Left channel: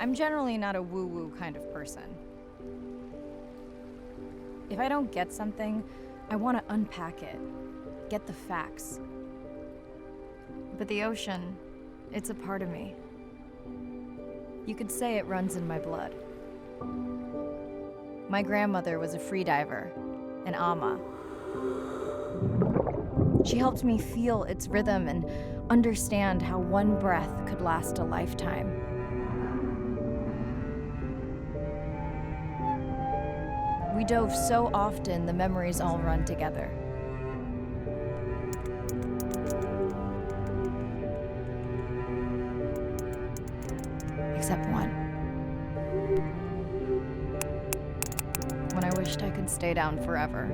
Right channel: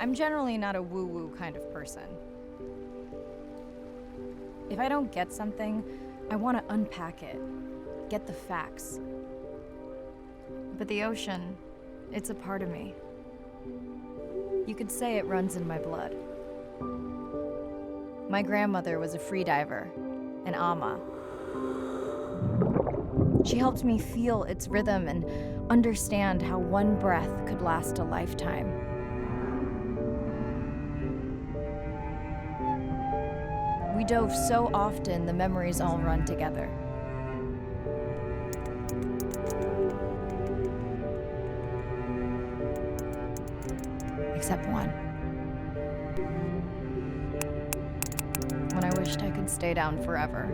I'm generally not a woo-woo kind of person. If I don't get something, I want to unpack it, get the facts. But the ocean, it's a part of me. You could say it runs in my blood. My grandmother was a freediver, an ama. She helped me feel its rhythm and understand how one breath could last a lifetime. We dove so often, the memories all run together. Except one. When I wished I could stay down forever.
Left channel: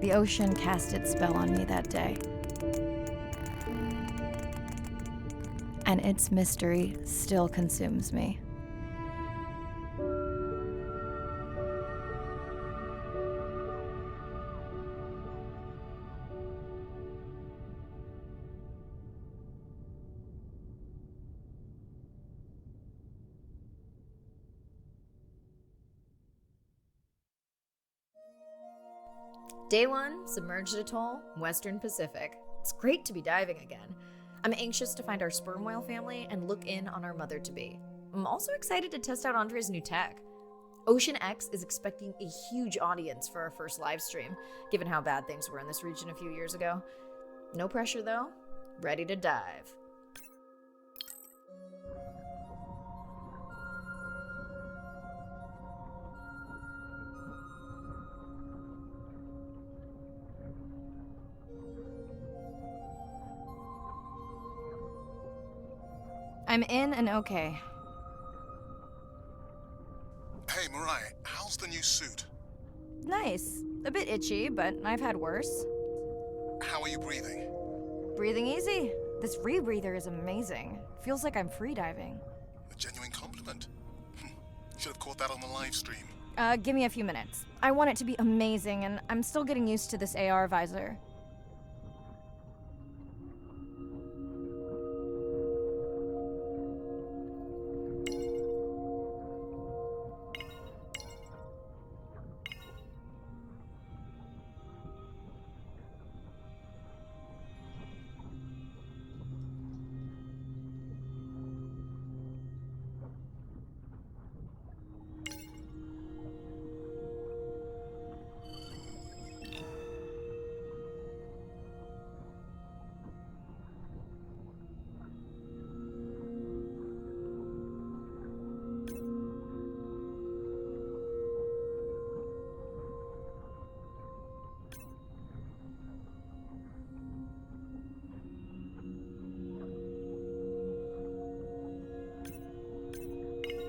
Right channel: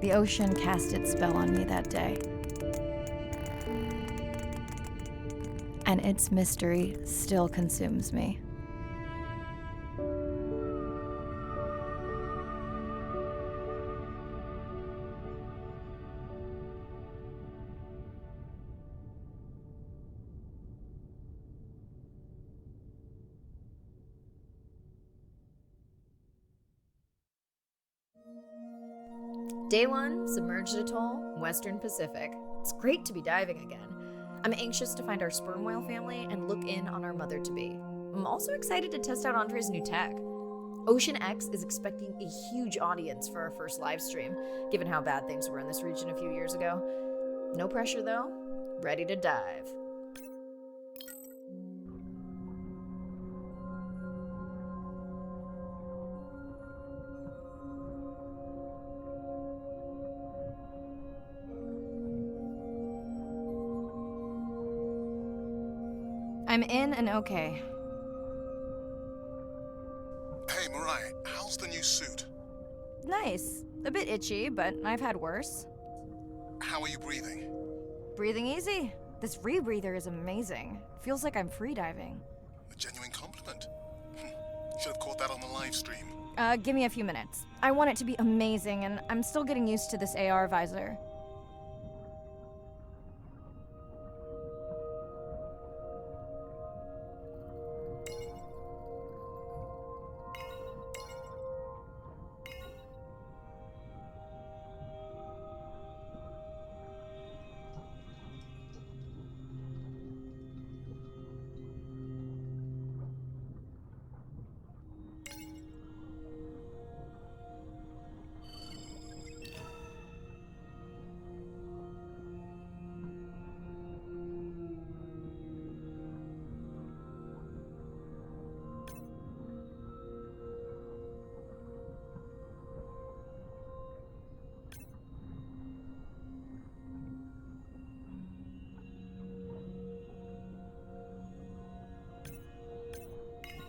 The ocean cast its spell on me that day. And its mystery still consumes me. Day 1, Submerged Atoll, Western Pacific. It's great to be diving again. I'm anxious to find our sperm whale family and look in on our mother-to-be. I'm also excited to test out Andre's new tech. Ocean X is expecting a huge audience for our first live stream, given how bad things were in this region a few years ago. No pressure though. Ready to dive. I'm in and okay. Hey, Mirai, how's the new suit? Nice. A bit itchy, but I've had worse. How are you breathing? Breathing easy. This rebreather is amazing. Feels like I'm freediving. A genuine compliment. Should have caught that on the live stream. Give me a few minutes. I want it to be amazing, and I'm still getting used to this AR visor.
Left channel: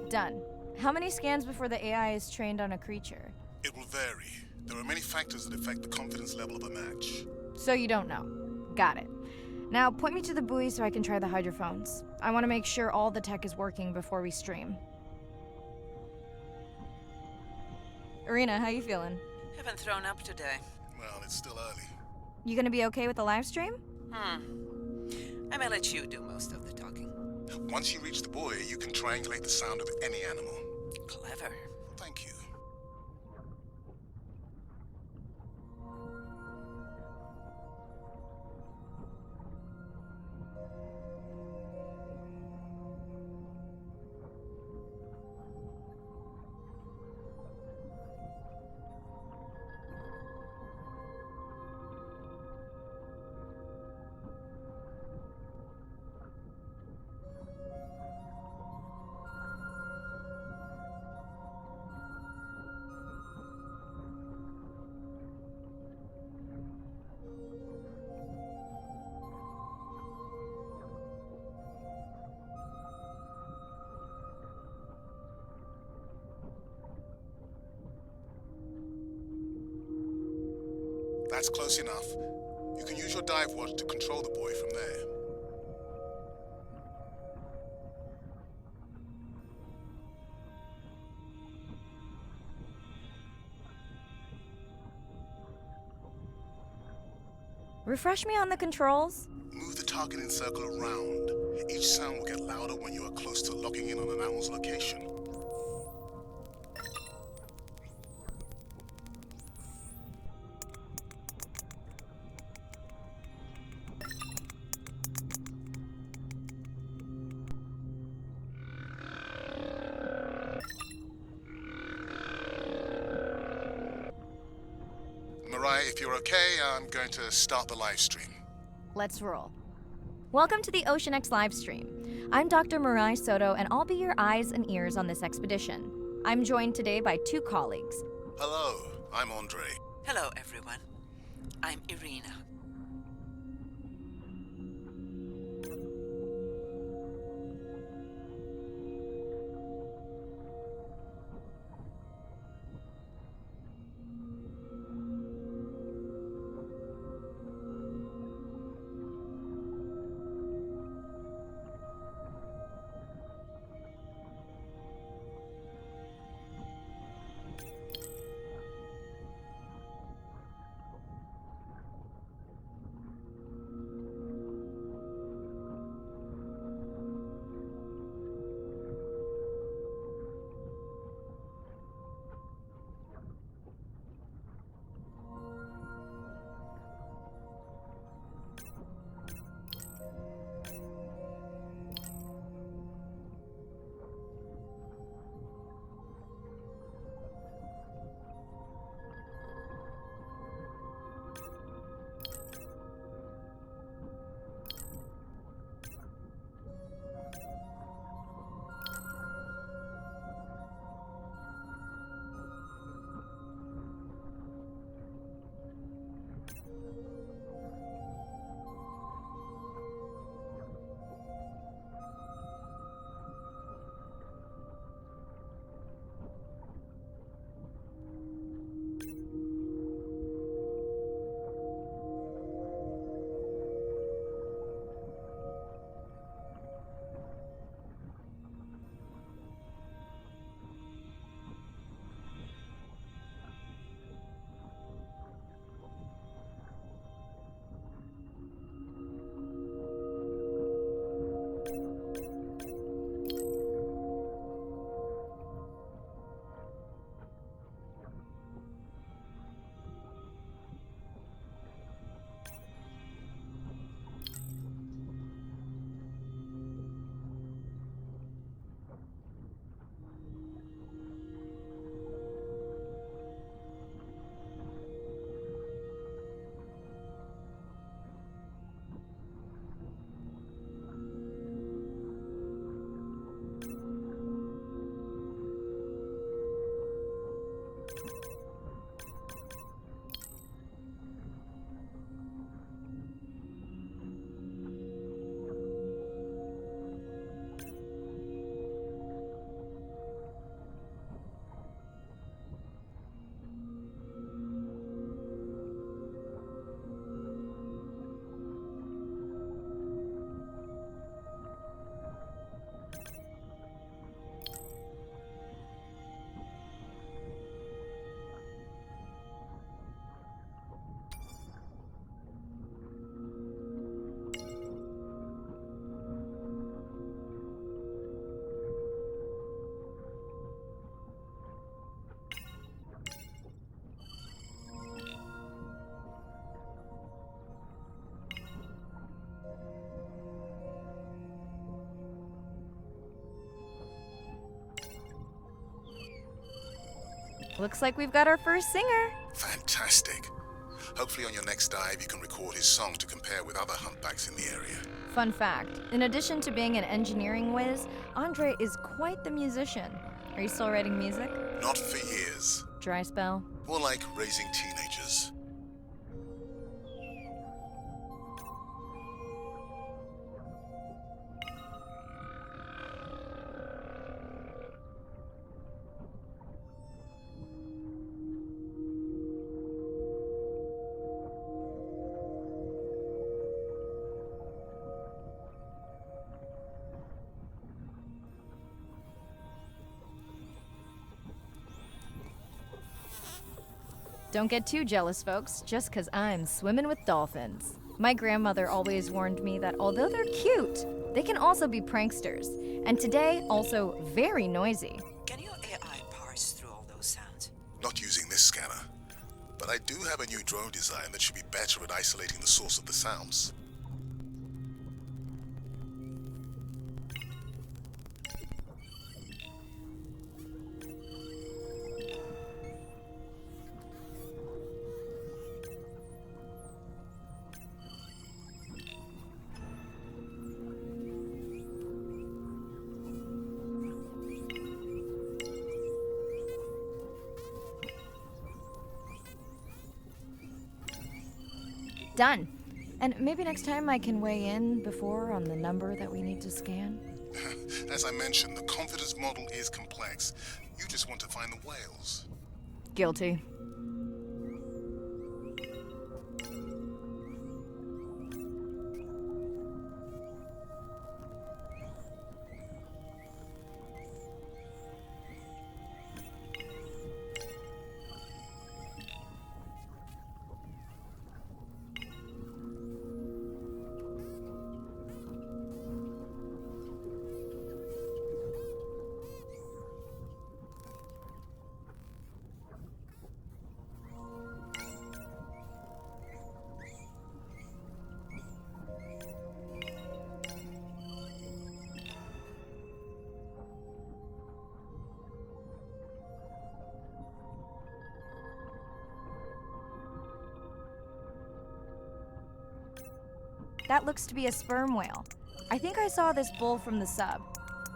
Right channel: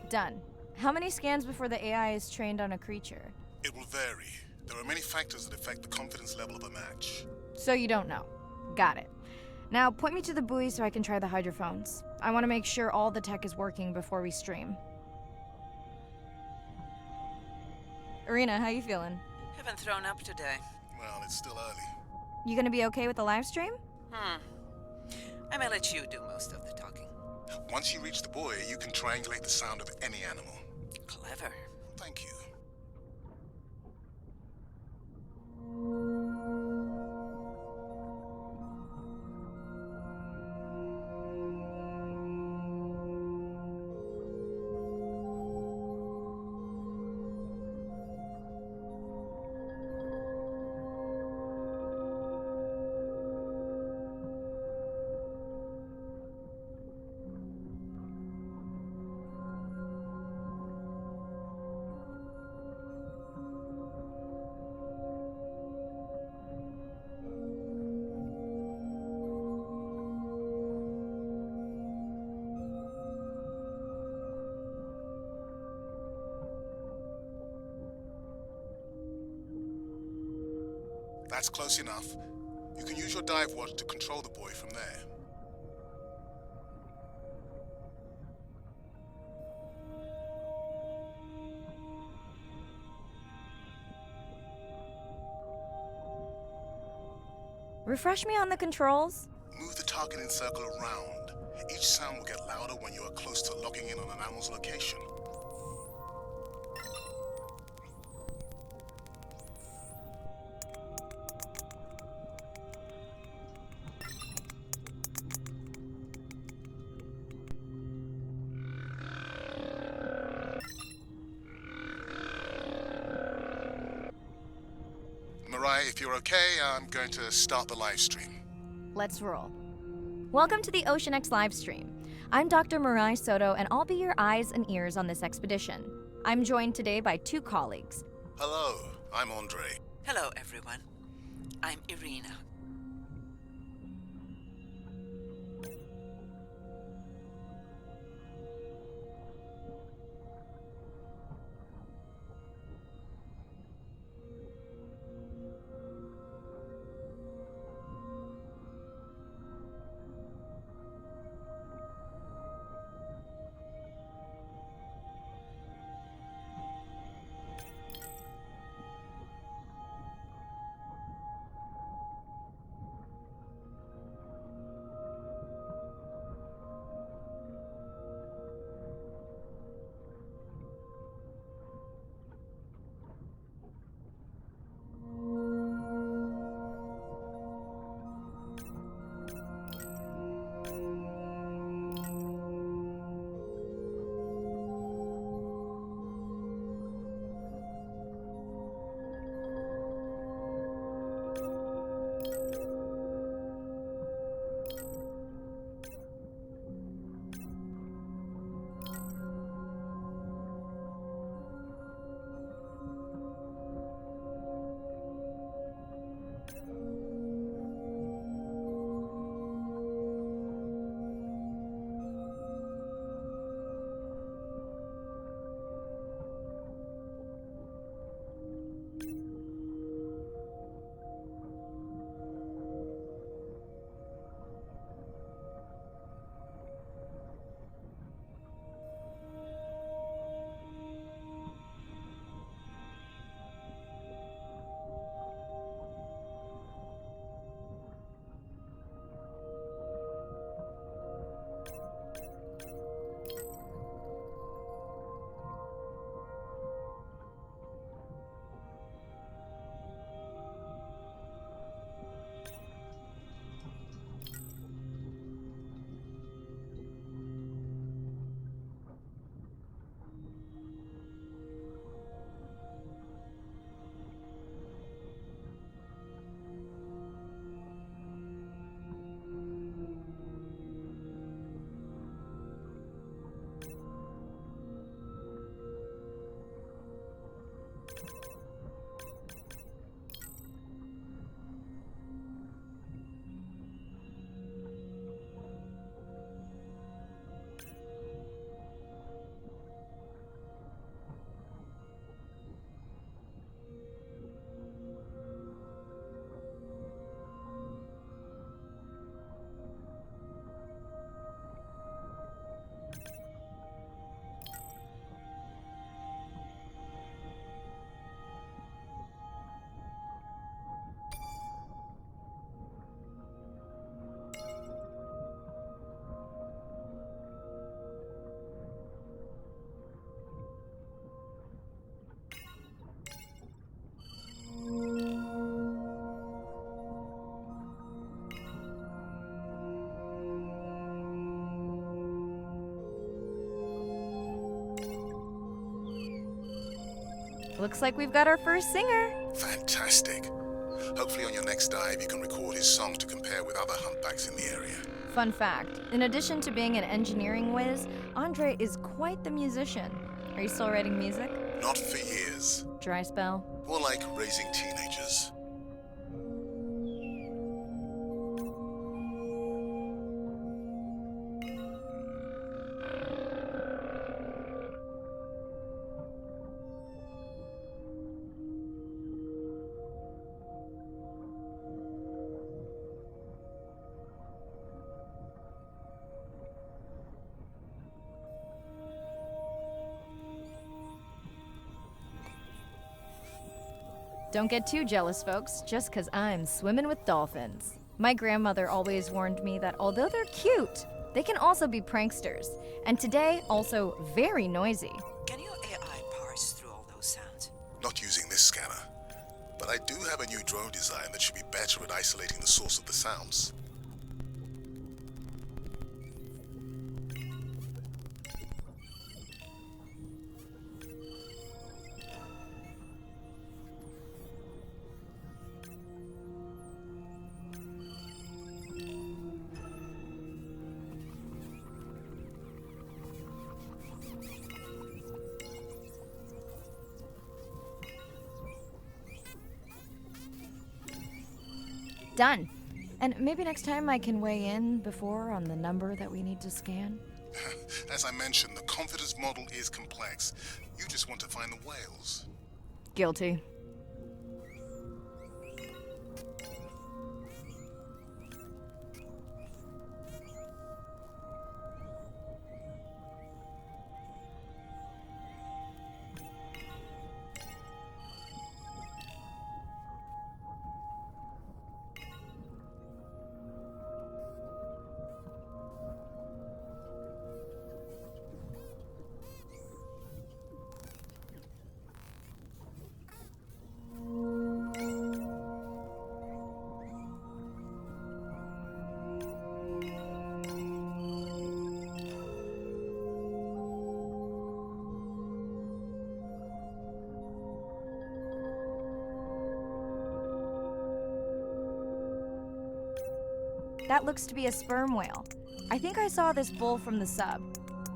Done. How many scans before the AI is trained on a creature? It will vary. There are many factors that affect the confidence level of a match. So you don't know. Got it. Now point me to the buoy so I can try the hydrophones. I want to make sure all the tech is working before we stream. Irina, how you feeling? Haven't thrown up today. Well, it's still early. You gonna be okay with the live stream? I may let you do most of the talking. Once you reach the buoy, you can triangulate the sound of any animal. Clever. Thank you. That's close enough. You can use your dive watch to control the buoy from there. Refresh me on the controls? Move the targeting circle around. Each sound will get louder when you are close to locking in on an animal's location. Mariah, if you're okay, I'm going to start the live stream. Let's roll. Welcome to the OceanX livestream. I'm Dr. Mirai Soto, and I'll be your eyes and ears on this expedition. I'm joined today by two colleagues. Hello, I'm Andre. Hello, everyone. I'm Irina. Looks like we've got our first singer. Fantastic. Hopefully on your next dive you can record his song to compare with other humpbacks in the area. Fun fact, in addition to being an engineering whiz, Andre is quite the musician. Are you still writing music? Not for years. Dry spell? More like raising teenagers. Don't get too jealous, folks, just 'cause I'm swimming with dolphins. My grandmother always warned me that although they're cute, they can also be pranksters, and today, also very noisy. Can your AI parse through all those sounds? Not using this scanner. But I do have a new drone design that should be better at isolating the source of the sounds. Done. And maybe next time I can weigh in before on the number that we need to scan? As I mentioned, the confidence model is complex. You just want to find the whales. Guilty. That looks to be a sperm whale. I think I saw this bull from the sub.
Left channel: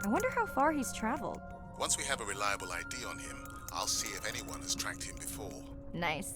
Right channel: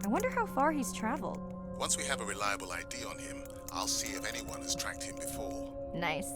I wonder how far he's traveled. Once we have a reliable ID on him, I'll see if anyone has tracked him before. Nice.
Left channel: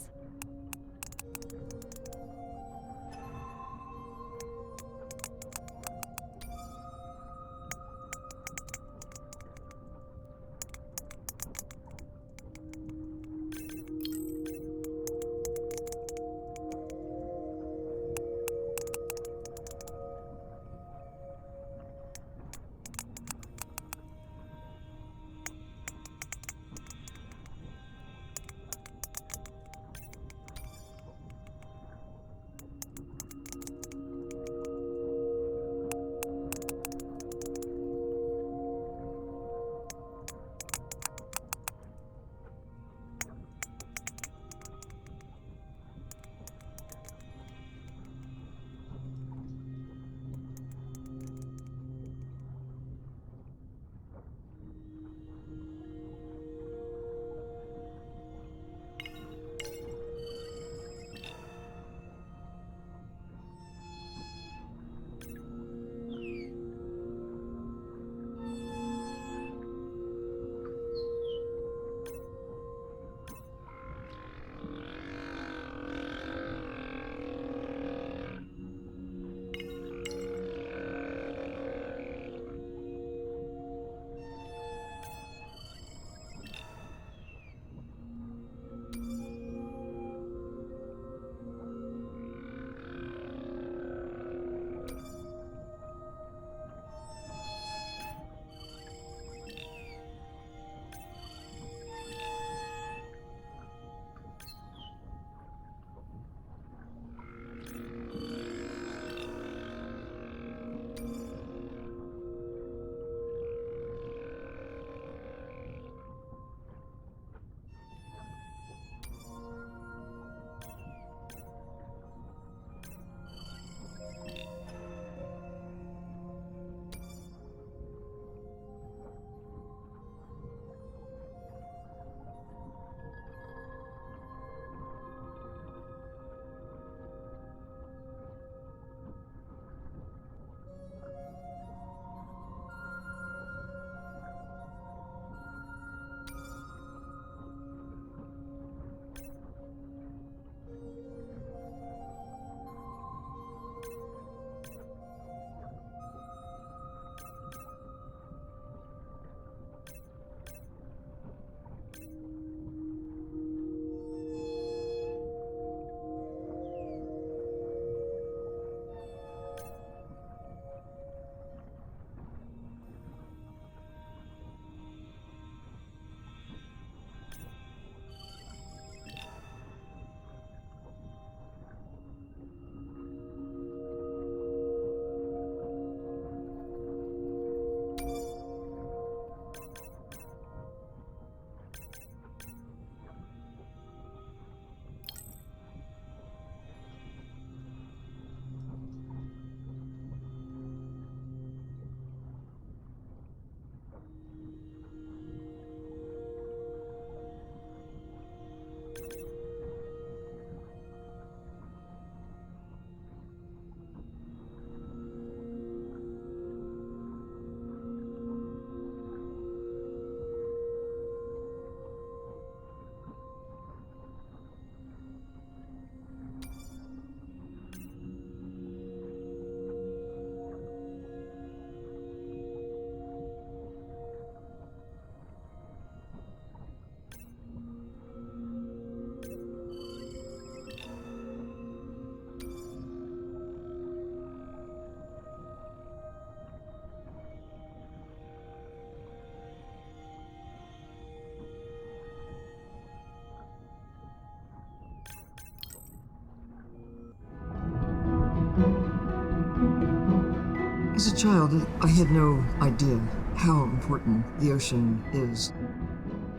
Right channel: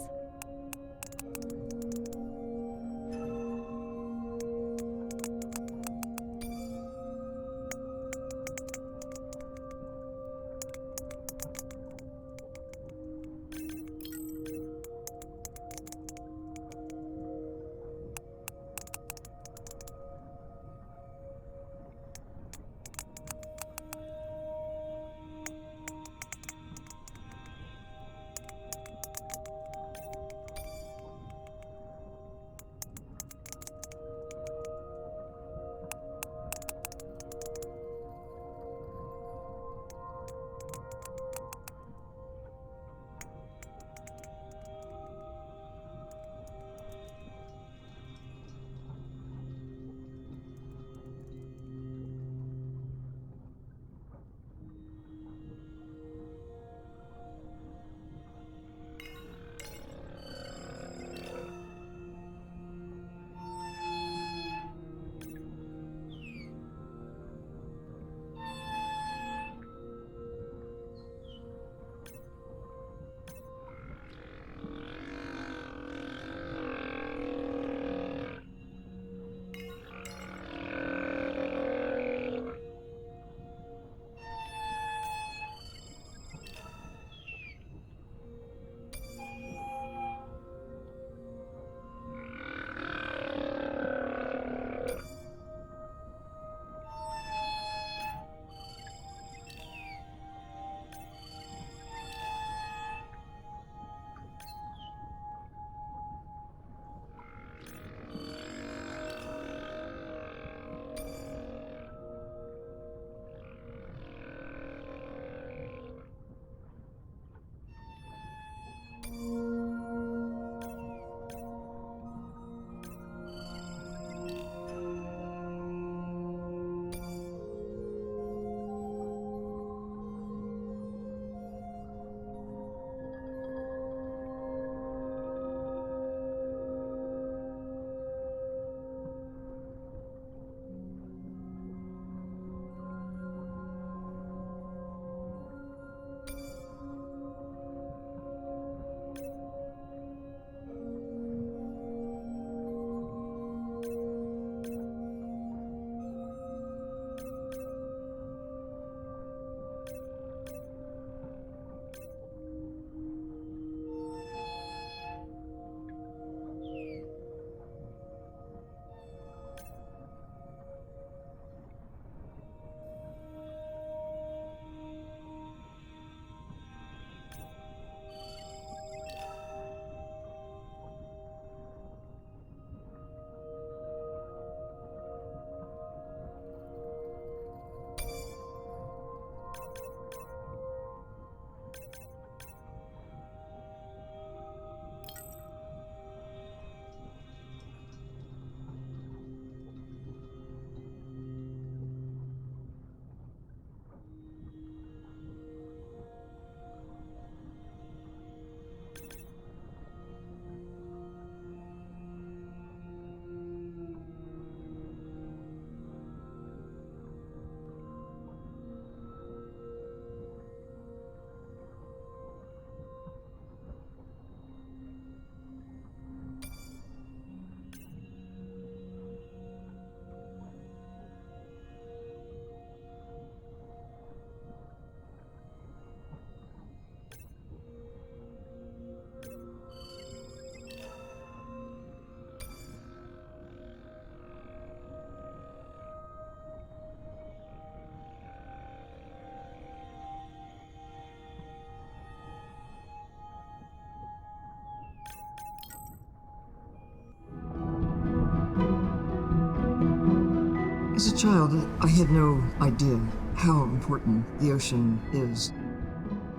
As a child, I had no idea how important the ocean is.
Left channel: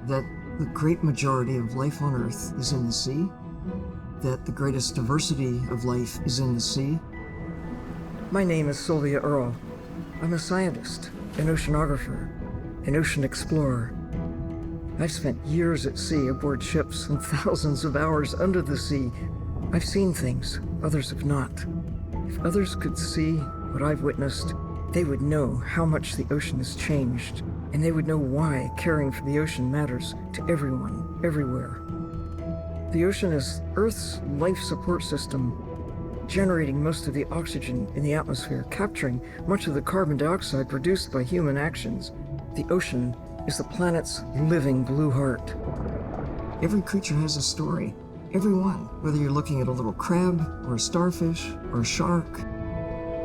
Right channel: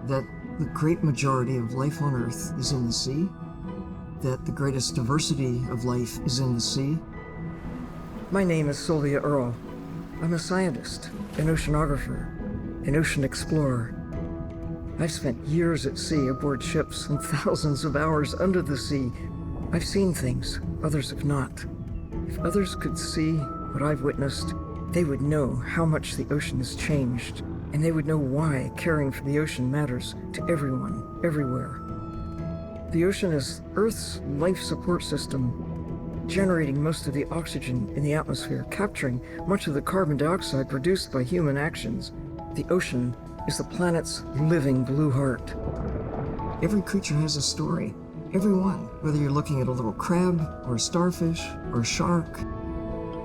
That the great majority of life on Earth is in the sea. That the greatest diversity of life is in the sea. My name is Sylvia Earle. I'm a scientist, an oceanographer, an ocean explorer. I've spent years at sea aboard ships and thousands of hours under the sea. I've seen things others have not. If others could see what I've witnessed, they would know how much the ocean has changed, and they would know why caring for the ocean matters to everyone, everywhere. The ocean is Earth's life support system, generating most of the oxygen in the atmosphere, capturing much of the carbon dioxide produced by human actions. The ocean is the planet's living blue heart. Every creature has a story. Every one, whether you're looking at a little crab, or a starfish, or a shark.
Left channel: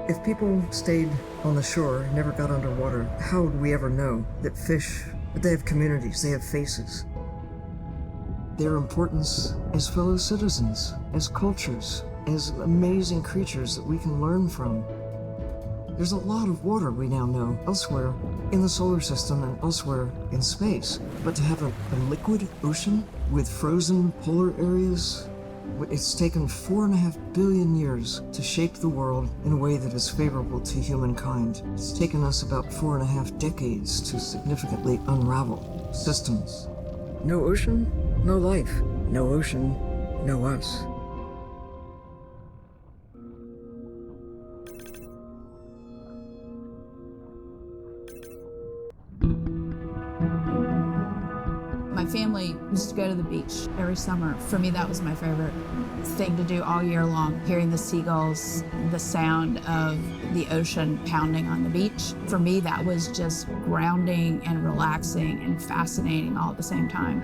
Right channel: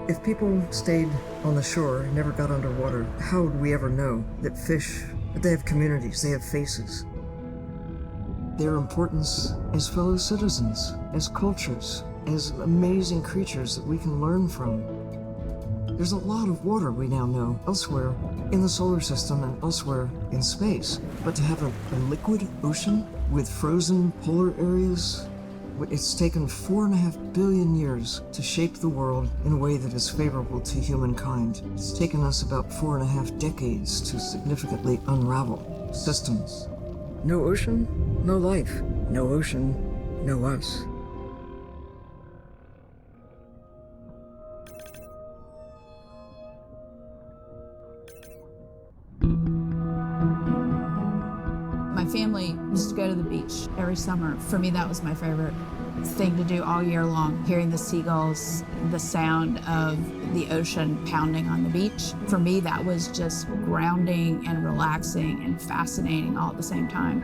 If people stayed on the shore and never got underwater, how would we ever know that fish, that they have communities, they have faces? Their importance as fellow citizens, as cultures, as amazing creatures that we can learn from. There's a lot of water we now know elsewhere in the solar system and elsewhere in space. But to have a liquid ocean with frozen polar areas, it's taken 4.5 billion years to shape the world in a way that is favorable to humankind. It's taken us about 4.5 decades to significantly unravel systems. No ocean, no life. No ocean, no us. My family used to go to the beach every summer. For me, that was my favorite thing to do all year long, hearing the seagulls, the sound of the ocean pounding on the beach. For me, that was just grounding and relaxing and fascinating all at the same time.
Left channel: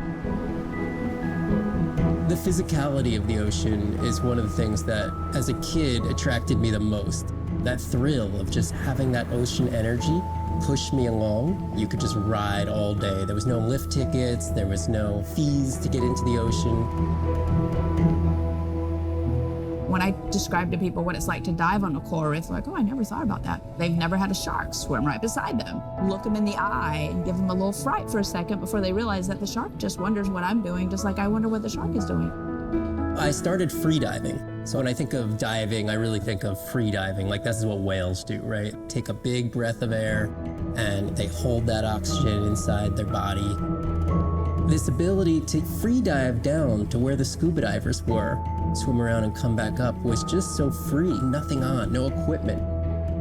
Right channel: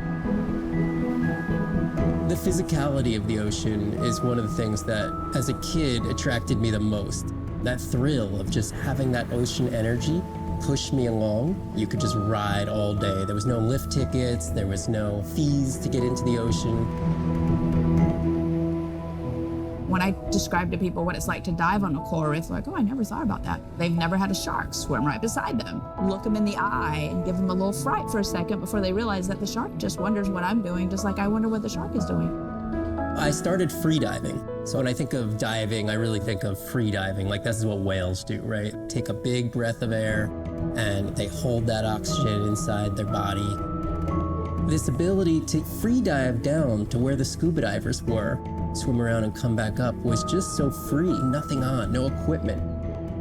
The physicality of the ocean is one of the things that, as a kid, attracted me the most. That thrill of just having that ocean energy push me along. You could just ride all day. There was no lift tickets, there was no fees to get into the ocean. When I describe to people what it's like to dive on a coral reef, they're like, oh, I never thought about that. They've never had a shark swim right beside them. Look them in the eye and give them a little fright for a second before they realize that the shark just wonders what I'm doing, just like I wonder what the shark is doing. I started free diving. So when I think of diving, I really think of free diving. Like this is what whales do, right? Take a big breath of air and they hold that oxygen inside their body. This ability to free dive down to where the scuba divers were, swim around and come back up, was just so free, nothing on, no equipment.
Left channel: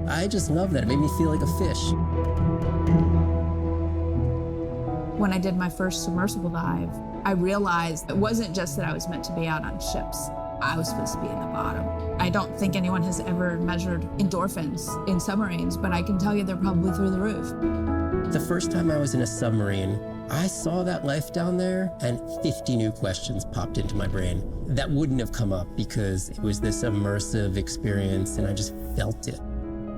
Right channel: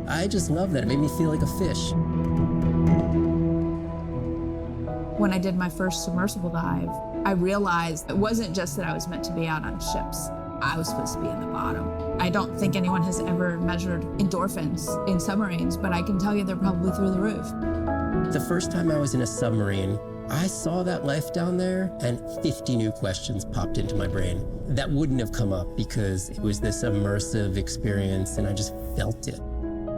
I just love that. It made me feel like a fish. When I did my first submersible dive, I realized it wasn't just that I was meant to be out on ships. I was supposed to be in the bottom. I don't think anyone has ever measured endorphins in submarines, but I can tell you they're probably through the roof. The first time I was in a submarine, I saw that life down there and 50 new questions popped into my brain that wouldn't have come up because it was this immersive experience and I just felt it.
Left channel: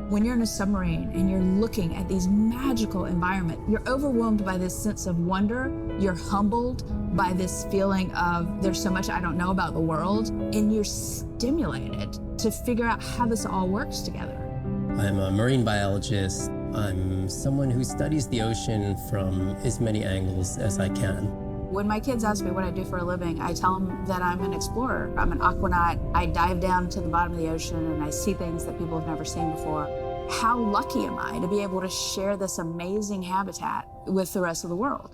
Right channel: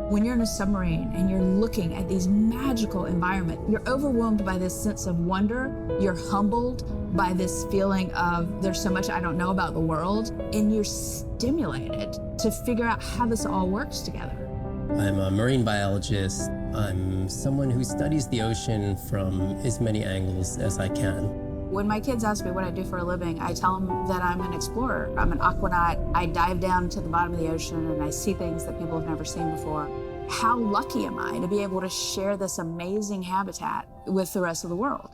When you're in a submarine and you're looking at these magical environments, you're overwhelmed by this sense of wonder. You're humbled by this feeling of there's so much I don't know about the world, and you're stimulated to figure out how this all works together. I'm a marine biologist. I'm someone who studies the ocean from as many angles as I can. When my kids ask me what I do for a living, I tell them that I'm an explorer. I'm an aquanaut. I dive down to the bottom of the ocean and I see things that people have never seen before. How lucky am I to be able to share this amazing habitat with the rest of the world?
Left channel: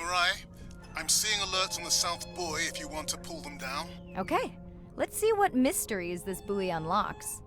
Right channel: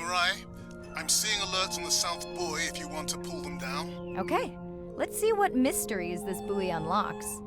Mirai. I'm seeing alerts on the South Buoy if you want to pull them down. Okay, let's see what mysteries this buoy unlocks.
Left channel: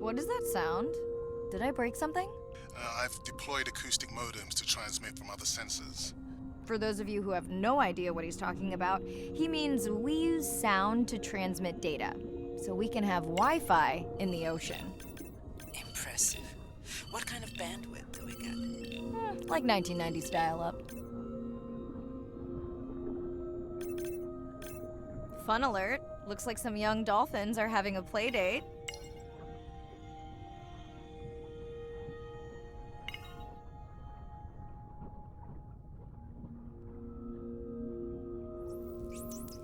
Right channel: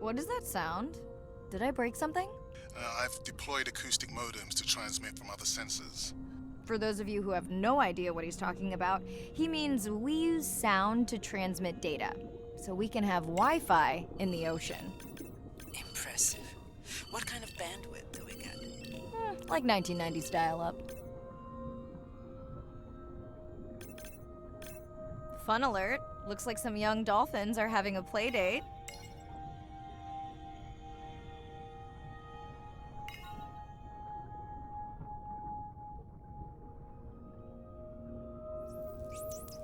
What does that sound? Did I break something? I've deployed acoustic modems to transmit from other sensors. For those of you who have no idea what he's talking about, he means we use sound to transmit data, so we can have Wi-Fi in the ocean. Impressive. What kind of bandwidth do we get? Like 1990s dial-up. Fun alert. Looks like some young dolphins are having a play date.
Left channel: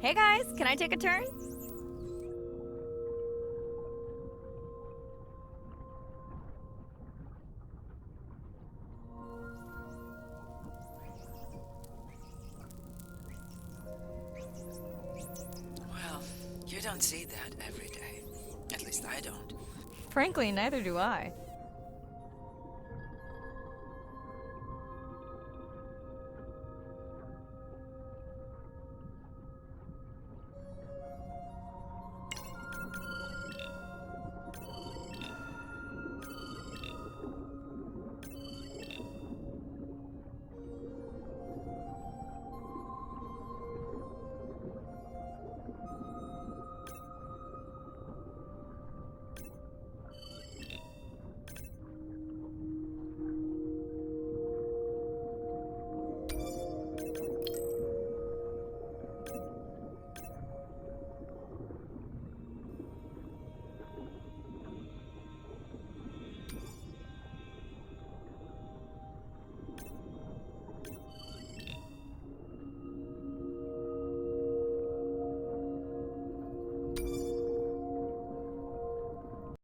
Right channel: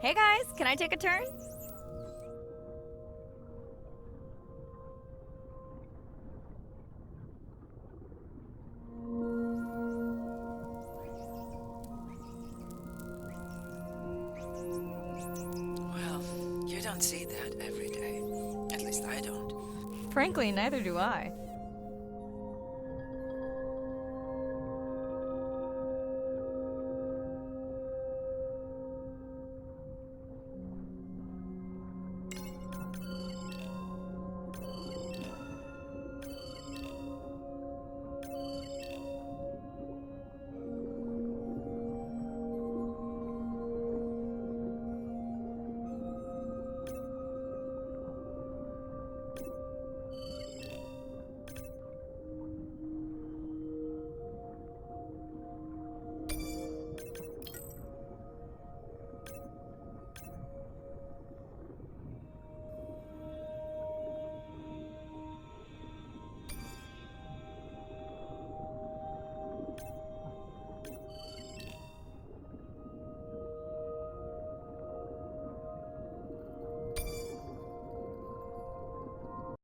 Hey guys, can I take a turn? Well, you don't see that every day. At least I don't. Frankly, neither do I.